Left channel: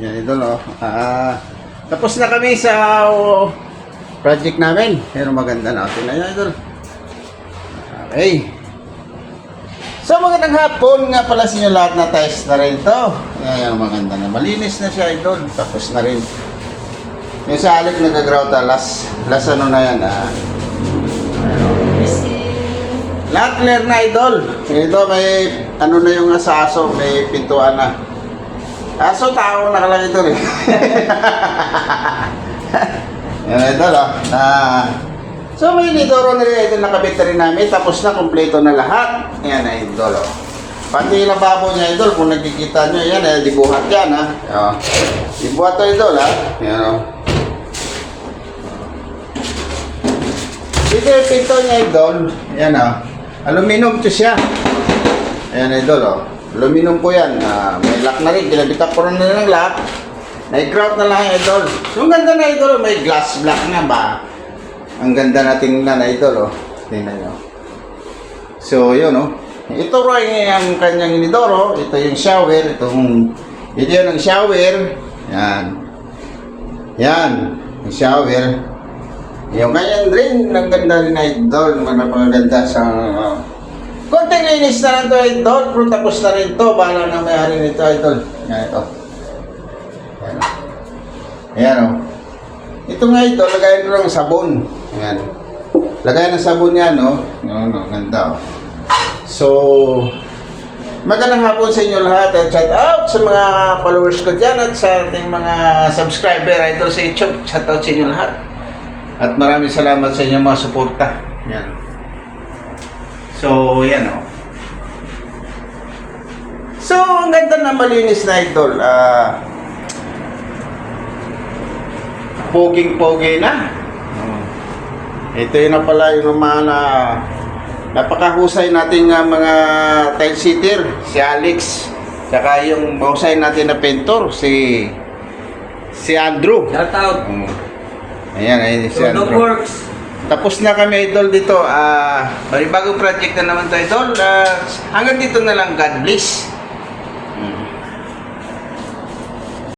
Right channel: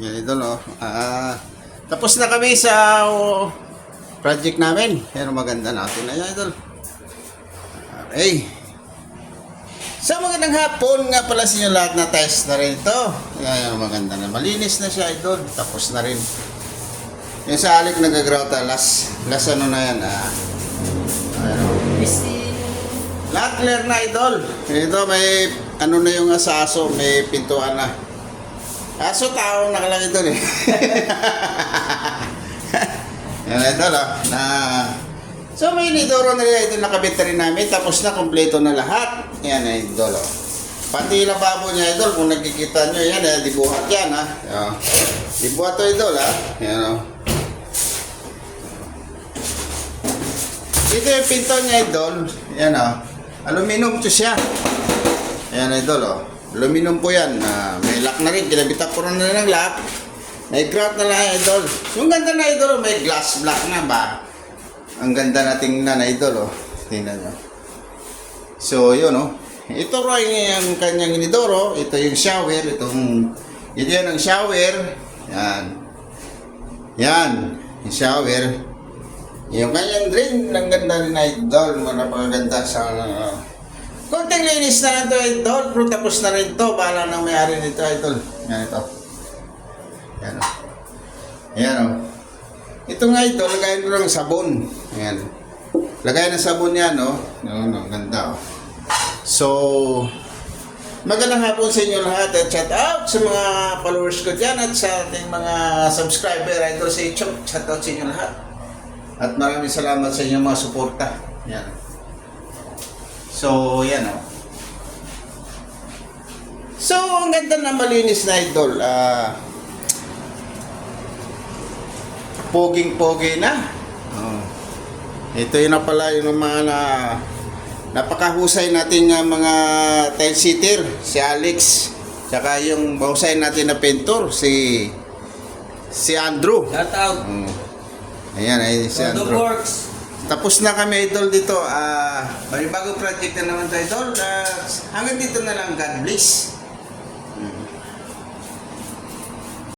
Yan, idol, oh. Tapos na kami sa project namin. Pero maganda natin na yan, idol. Okay. So, magandang hapon nga pala sa inyo lahat na test na rin ito. Ayan, maganda na. Malinis na siya, idol. Tapos na rin. Yung sa alik nag-grout, last ano na yan, lahat clear na, idol. Ito, may ano na yung sa aso, may pintuan na. Aso, tao nakalagay ito rin. Yan, idol, oh. So, may Inidoro na rin, idol, nakabit na rin namin. Tapos na, kompleto na lahat. Yan, idol, oh. Pati yung lababo niya, idol, kung nagkikita nyo, yan, dibuhat yan, ha. Oh. Dibuhat to, idol, ha. Yan, oh. Ito yung pinto niya, idol. Yan, oh. Aluminum to siya. Ayan, idol, oh. Aluminum po yan. May lock na rin. Kinabitak ko rin na ng lock. Nag-grout na lang, idol. So, ang ganda na, idol. May glass block nga ba? Ang ganda na tingnan, idol, oh. Tingnan nyo. So, yun, oh. Ito rin ang kanyang inidoro. Ito yung shower. Ito yun ang shower. Yan. Yan. Yung shower. Yung kanyang drain. Ang ganda rin, idol. Maganda sa... konting linis na lang ito, idol. Pero tapos na rin ito. Bahala na may-ari nito, idol. Yan ito. Yan o. Yan o. Ito nga ito, lagayan mo ng sabon. Yan. Lagayan ng sabon yan, o. Yan o, ganda o. So, magandang hapon sa inyo lahat at shout out sa mga followers ko dyan at sa ating mga subscriber, idol, sa YouTube. Shout out sa inyo lahat. At maraming salamat sa inyong mga suporta. Yan. So, yan o. So, ang ganda na malinis na, idol. Poging-pogi na. Ito yun na pala yung mga napakahusay nating mga tile sitter. Si Alex. Tsaka yung mahusay natin na pintor. Si Andrew. Shout out. Ayan, si Andrew. Works. Tapos na kami, idol, dito. Bagong project na naman to, idol. Hanggang dito na lang. God bless.